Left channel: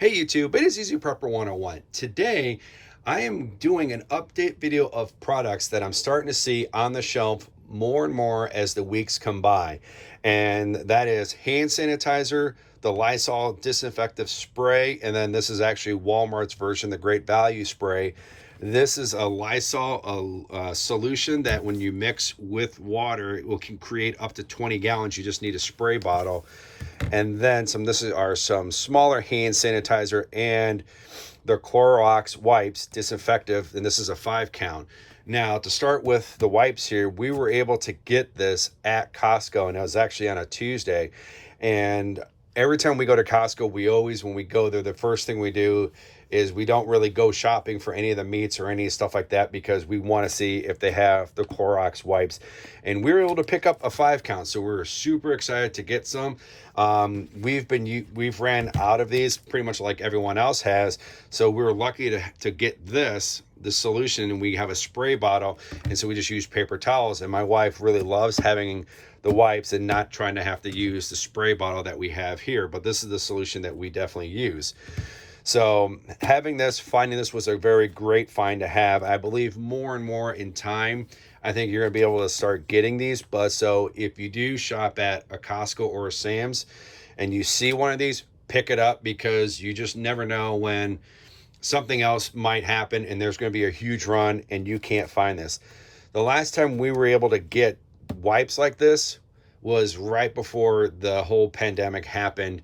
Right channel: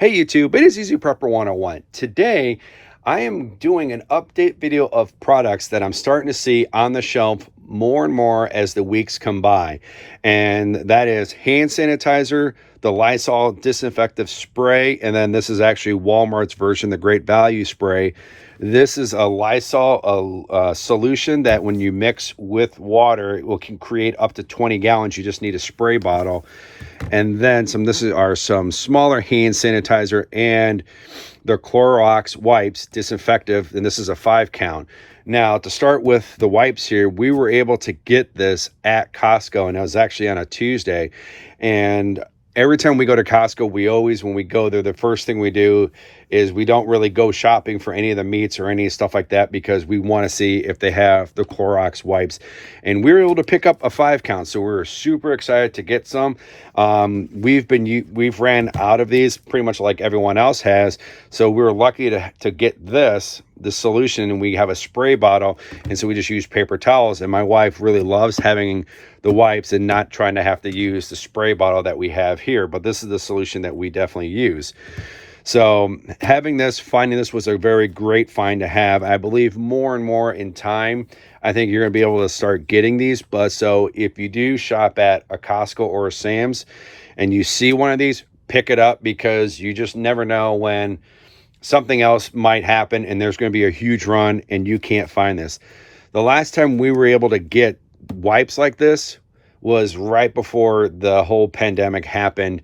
Hey YouTube, it is Easy Prepper 101. Today, I am doing an update video of products that I'm starting to see on the shelf more and more as the weeks come by. And that is hand sanitizer, the Lysol disinfectant spray, and then this is actually Walmart's version, the Great Value spray. This is a Lysol solution that when you mix with water, it can create up to 20 gallons. You just need a spray bottle. And then are some smaller hand sanitizer and the Clorox wipes, disinfectant, and this is a 5 count. Now, to start with the wipes here, we were able to get this at Costco, and it was actually on a Tuesday. And every time we go to Costco, when we go there, the first thing we do is we don't really go shopping for any of the meats or any stuff like that because we want to see if they have the Clorox wipes. And we were able to pick up a 5 count, so we're super excited to get some. We've ran out of these pretty much like everyone else has, so we were lucky to get the solution, and we have a spray bottle, and so we just use paper towels. And my wife really loves having the wipes and not trying to have to use the spray bottle that we have here, but this is the solution that we definitely use. So finding this was a very great find to have. I believe more and more in time, I think you're going to be able to start getting these. But so if you do shop at a Costco or a Sam's and you see one of these, pick it up, because you just never know when something else might happen and there's going to be a huge run and you can't find this. The last time we were able to get wipes like this was right before the whole pandemic happened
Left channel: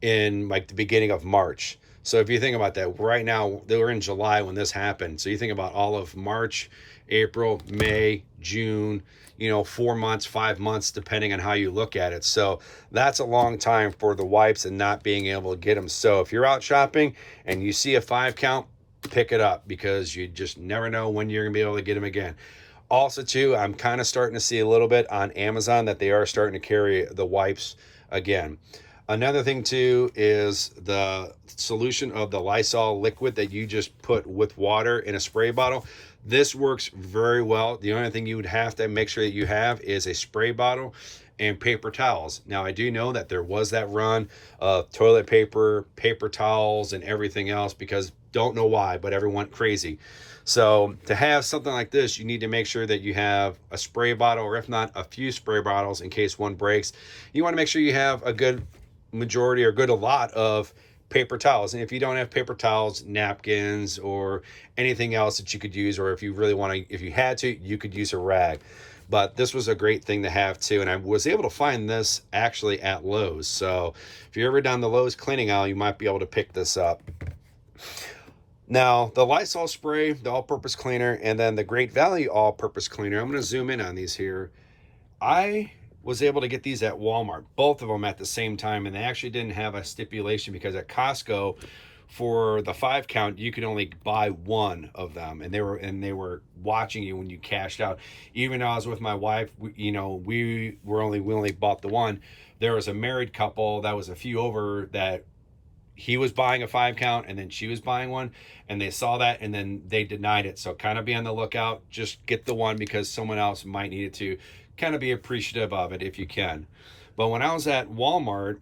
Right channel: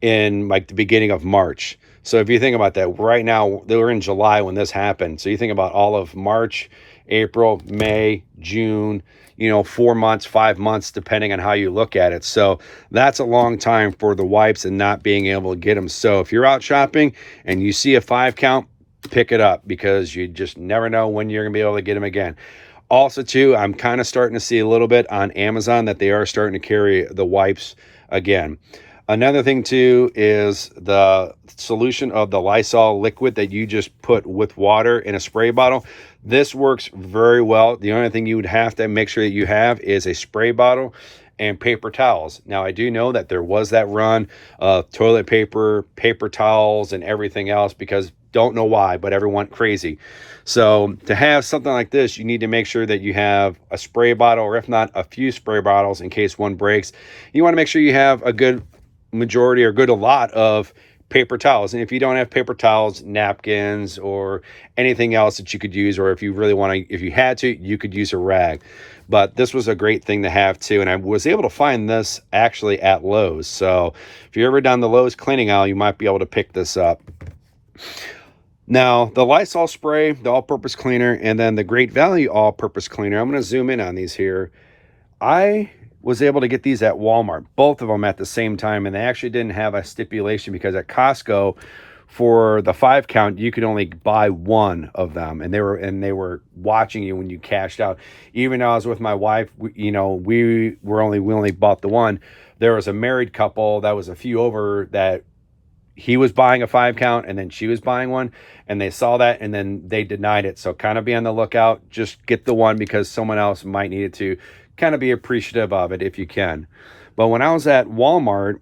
in like the beginning of March. So if you think about that, right now, they were in July when this happened. So you think about all of March, April, May, June, 4 months, 5 months, depending on how you look at it. So that's a long time for the wipes and not being able to get them. So if you're out shopping and you see a 5 count, pick it up, because you just never know when you're going to be able to get them again. Also, too, I'm kind of starting to see a little bit on Amazon that they are starting to carry the wipes again. Another thing, too, is the solution of the Lysol Liquid that you just put with water in a spray bottle. This works very well. The only thing you would have to make sure that you have is a spray bottle and paper towels. Now, I do know that there was that run of toilet paper, paper towels, and everything else, because don't know why, but everyone went crazy. So to have something like this, you need to make sure that you have a spray bottle, or if not, a few spray bottles in case one breaks. You want to make sure you have a good majority or a lot of paper towels. And if you don't have paper towels, napkins or anything else that you could use, or if you really want to, if you had to, you could use a rag. But this was a great thing to have too. And I was able to find this actually at Lowe's. So if you're ever down the Lowe's cleaning aisle, you might be able to pick this up. Now, the Lysol spray, the all-purpose cleaner, and then the Great Value all-purpose cleaner. I'm going to zoom in on these here. I was able to get these at Walmart, both of them at the same time, and they actually didn't have a stipulation, because at Costco, for the 5 count, you could only buy one of them, and they were watching you when you cashed out. Even though I was with my wife, we only bought the one. There was a married couple that was a few over that he was buying a 5 count and then she was buying one, and they saw that and then they denied it. So kind of be on the lookout. Just get the one, because someone else might need it to. Kind of be appreciative of it if you can. But when I was at Walmart,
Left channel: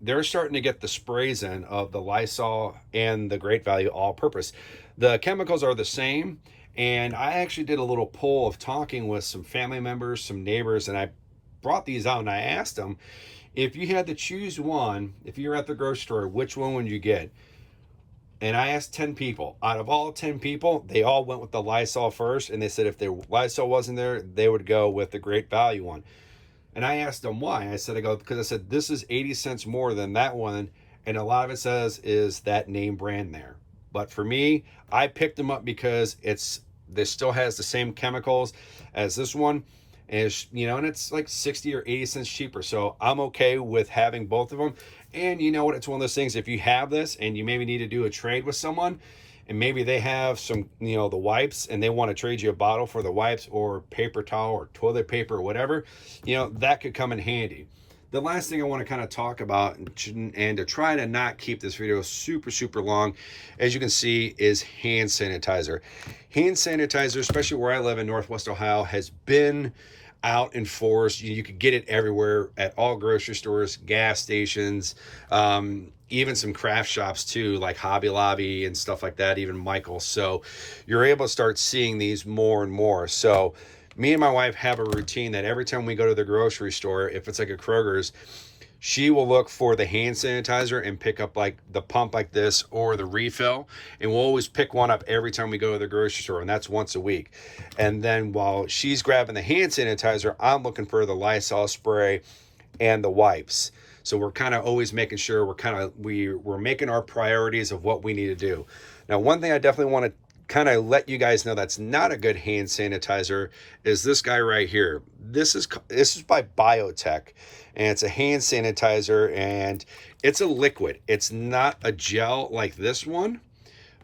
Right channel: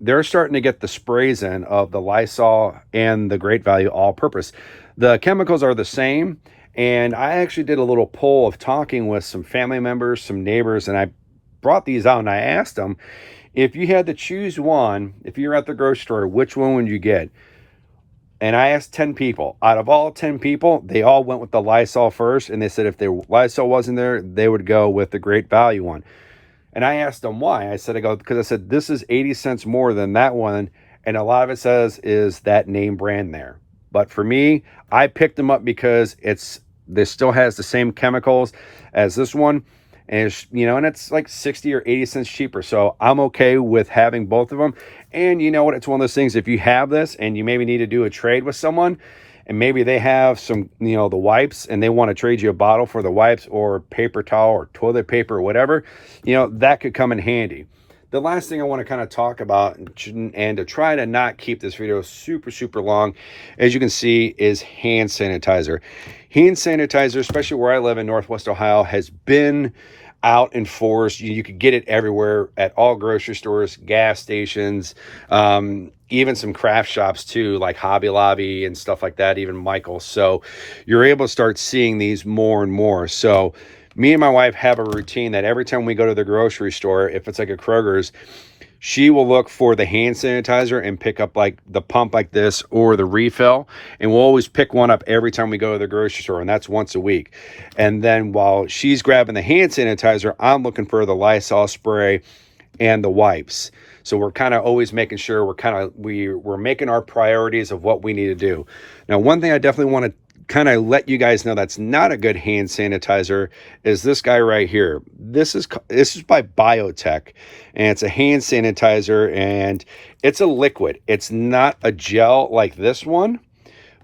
they're starting to get the sprays in of the Lysol and the Great Value all-purpose. The chemicals are the same, and I actually did a little poll of talking with some family members, some neighbors, and I brought these out and I asked them, if you had to choose one, if you're at the grocery store, which one would you get? And I asked 10 people. Out of all 10 people, they all went with the Lysol first, and they said if the Lysol wasn't there, they would go with the Great Value one. And I asked them why. Because I said, this is 80 cents more than that one, and a lot of it says is that name brand there. But for me, I picked them up because this still has the same chemicals as this one. And it's like 60 or 80 cents cheaper. So I'm okay with having both of them. And you know what? It's one of those things, if you have this and you maybe need to do a trade with someone, and maybe they have some, the wipes, and they want to trade you a bottle for the wipes, or paper towel or toilet paper or whatever, that could come in handy. The last thing I want to kind of talk about, and to try to not keep this video super, super long, as you can see, is hand sanitizer. Hand sanitizer, especially where I live in Northwest Ohio, has been out in force. You could get it everywhere at all grocery stores, gas stations, even some craft shops too, like Hobby Lobby and stuff like that, even Michael's. So you're able to start seeing these more and more. So me and my wife have a routine that every time we go to the grocery store, if it's like a Kroger's, she will look for the hand sanitizer and pick up like the pump like this or the refill. And we'll always pick one up every time we go to the grocery store. And that's once a week. And then while she's grabbing the hand sanitizer, I'm looking for the Lysol spray and the wipes. So we're kind of always making sure we're making our priorities of what we need to do. Now, one thing I definitely want to kind of let you guys know that's not a good hand sanitizer is this guy right here. This is by Biotech, and it's a hand sanitizer, and it's a liquid. It's not a gel like this one,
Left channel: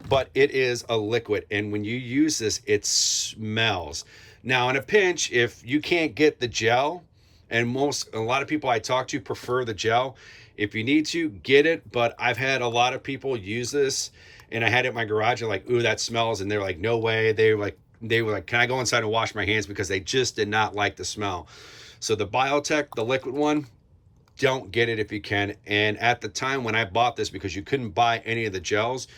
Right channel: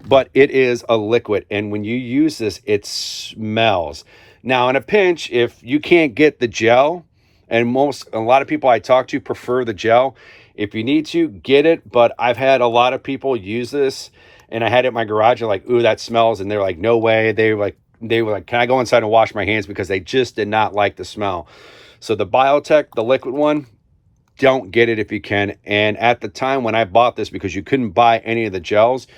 but it is a liquid, and when you use this, it smells. Now, in a pinch, if you can't get the gel, and a lot of people I talk to prefer the gel, if you need to, get it. But I've had a lot of people use this, and I had it in my garage and like, ooh, that smells. And they're like, no way. They were like, can I go inside and wash my hands? Because they just did not like the smell. So the Biotech, the liquid one, don't get it if you can. And at the time when I bought this, because you couldn't buy any of the gels,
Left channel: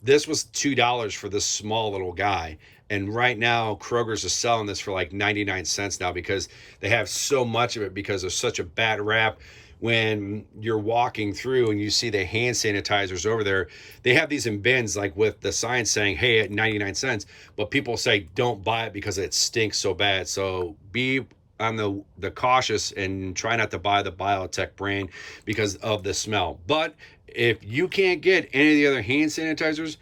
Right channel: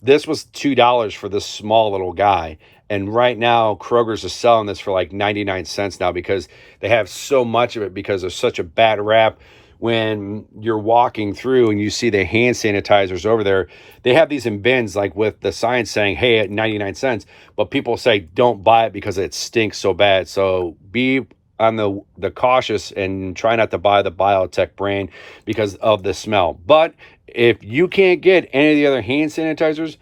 this was $2 for this small little guy. And right now, Kroger's is selling this for like 99 cents now because they have so much of it because there's such a bad rap. When you're walking through and you see the hand sanitizers over there, they have these in bins like with the sign saying, hey, at 99 cents. But people say don't buy it because it stinks so bad. So be on the cautious and try not to buy the Biotech brand because of the smell. But if you can't get any of the other hand sanitizers,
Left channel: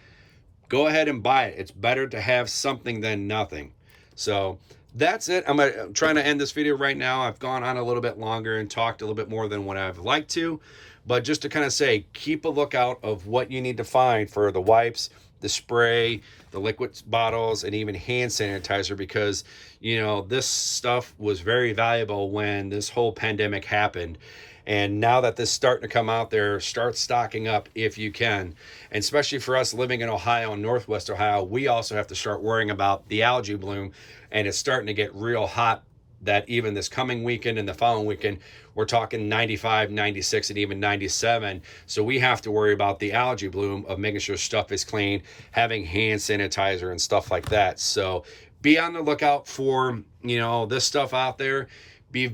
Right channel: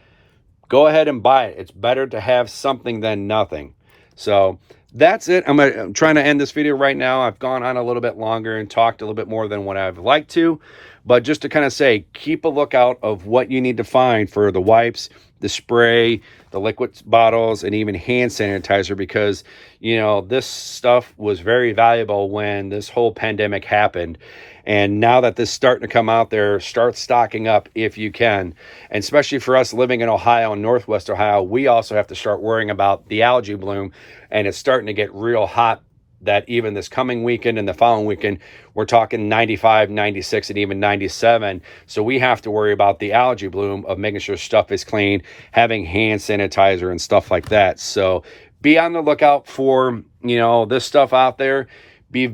go ahead and buy it. It's better to have something than nothing. So that's it. I'm trying to end this video right now. I've gone on a little bit longer and talked a little bit more than what I've liked to. But just to kind of say, keep a lookout of what you need to find for the wipes, the spray, the liquid bottles, and even hand sanitizer, because, you know, this stuff was very valuable when this whole pandemic happened. And now that this is starting to come out there, start stocking up if you can. And especially for us living in Ohio and Northwest Ohio, we also have to start worrying about the algae bloom. And it's starting to get real hot that even this coming weekend and the following weekend, we're talking 95, 96, and even 97. So we have to worry about the algae bloom of making sure stuff is clean, having hand sanitizer and stuff like that. So be on the lookout for, you know, this stuff out there. Be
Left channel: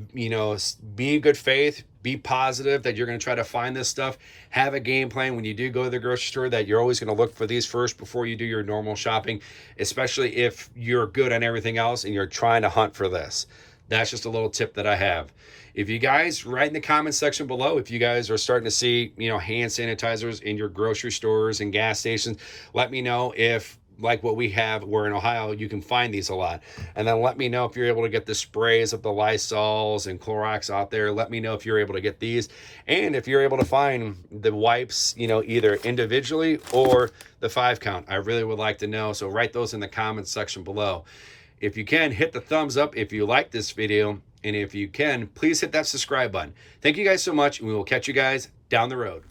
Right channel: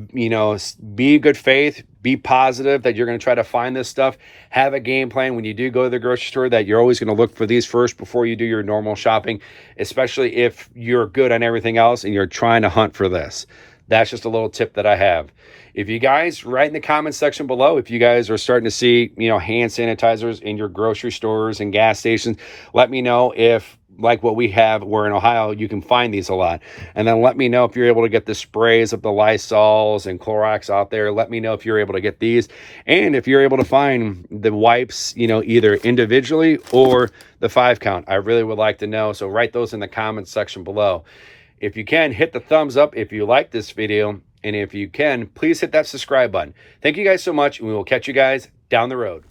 good faith, be positive that you're going to try to find this stuff. Have a game plan when you do go to the grocery store that you're always going to look for these first before you do your normal shopping, especially if you're good on everything else and you're trying to hunt for this. That's just a little tip that I have. If you guys write in the comment section below, if you guys are starting to see, you know, hand sanitizers in your grocery stores and gas stations, let me know if, like what we have, we're in Ohio, you can find these a lot. And then let me know if you're able to get the sprays of the Lysols and Clorox out there. Let me know if you're able to get these. And if you're able to find the wipes, you know, either individually or the 5 count. I really would like to know. So write those in the comments section below. If you can, hit the thumbs up if you like this video. And if you can, please hit that subscribe button. Thank you guys so much, and we will catch you guys down the road.